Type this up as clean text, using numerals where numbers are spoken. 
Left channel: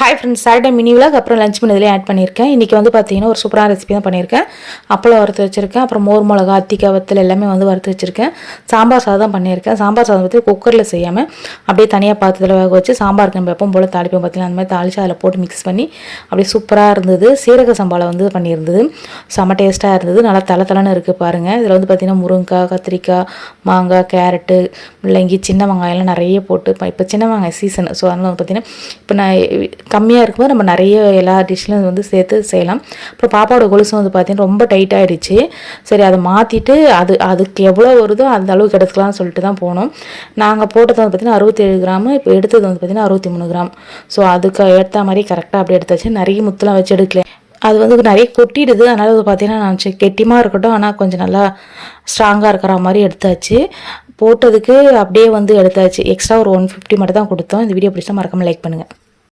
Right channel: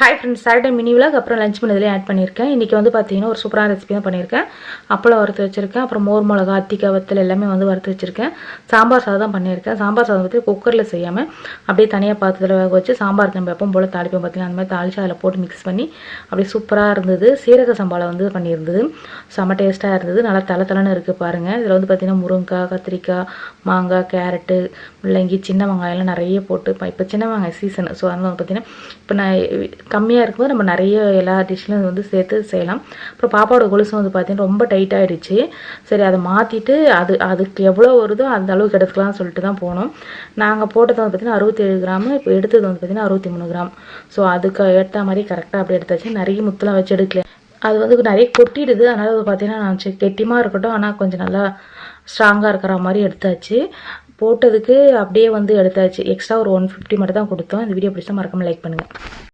Hi friends, Saturday mini vlog அப்புறம் lunch பண்ணதிலே add பண்ணியிருக்கேன். இன்றைக்கி வந்து பார்த்தீங்கன்னா ஒரு சூப்பரான ரெசிபி தான் பண்ணியிருக்கேன். அப்பளம் வறுத்து வச்சுருக்கேன், அப்புறம் மோர் மிளகா, அத்திக்காய் வத்தல் எல்லாமே வந்து வறுத்து வச்சுருக்கேன். சாம்பார் சாதம் தான் பண்ணியிருக்கேன். சாம்பார் சாதம் வந்து குக்கரில் செய்யாமல் அப்படியே தனியாக பாத்திரத்தில் வேக வச்சு சாம்பாருக்கு நம்ம எப்பவும் போல் தாளிப்போம் பார்த்தீங்கன்னா அந்த மாதிரி தாளித்து அதில் போட்டு மிக்ஸ் பண்ணி அப்படியே சூப்பராக இருந்தது. சீரக சம்பாவில் வந்து பண்ணியிருந்தது, செம்ம டேஸ்ட்டாக இருந்தது. நல்லா தலை இருக்குது பாருங்கள். இதில் வந்து பார்த்திங்கன்னா முருங்கைக்காய், கத்திரிக்காய், மாங்காய், கேரட்டு, முள்ளங்கி, சின்ன வெங்காயம்லாம் நிறைய போட்டு இப்போ சின்ன வெங்காயம் சீசன். ஸோ அதனால் வந்து பார்த்திங்கன்னா இப்போ நான் கம்மியாக இருக்கும்போது நம்ம நிறைய எல்லா டிஷ்லையும் வந்து சேர்த்து செய்யலாம். அப்புறம் பாப்பாவோட கொலுசும் வந்து பார்த்திங்கன்னா ரொம்ப டைட்டாகிடுச்சு. சரி, அதை மாற்றிட்டு அதுக்கு எவ்வளோ வருதோ அந்த அளவுக்கு எடுத்துக்கலாம்னு சொல்லிட்டு தான் போனோம். நாங்கள் போட்டது வந்து பார்த்திங்கன்னா 67 கிராமு, இப்போ எடுத்தது வந்து பார்த்திங்கன்னா 63 கிராம். ஸோ அதுக்கு ஏற்ற மாதிரி கரெக்டாக அப்படி எடுத்தாச்சு. நிறைய முத்தெலாம் வச்சு எடுக்கல, அது வந்து நிறைய கொட்டிடுது. அதனால் வந்து பார்த்திங்கன்னா நான் கெட்டிமாக இருக்கட்டும், ஆனால் கொஞ்சம் நல்லா ஸ்ட்ராங்காக இருக்கிற மாதிரி எடுத்தாச்சு. போட்டதுக்கு அப்படியே வந்து எடுத்தாச்சு. எக்ஸ்ட்ரா ஒரு 150 மட்டும் தான் கொடுத்தோம். இந்த வீடியோ பிடிச்சா மறக்காமல் லைக் பண்ணுங்கள்.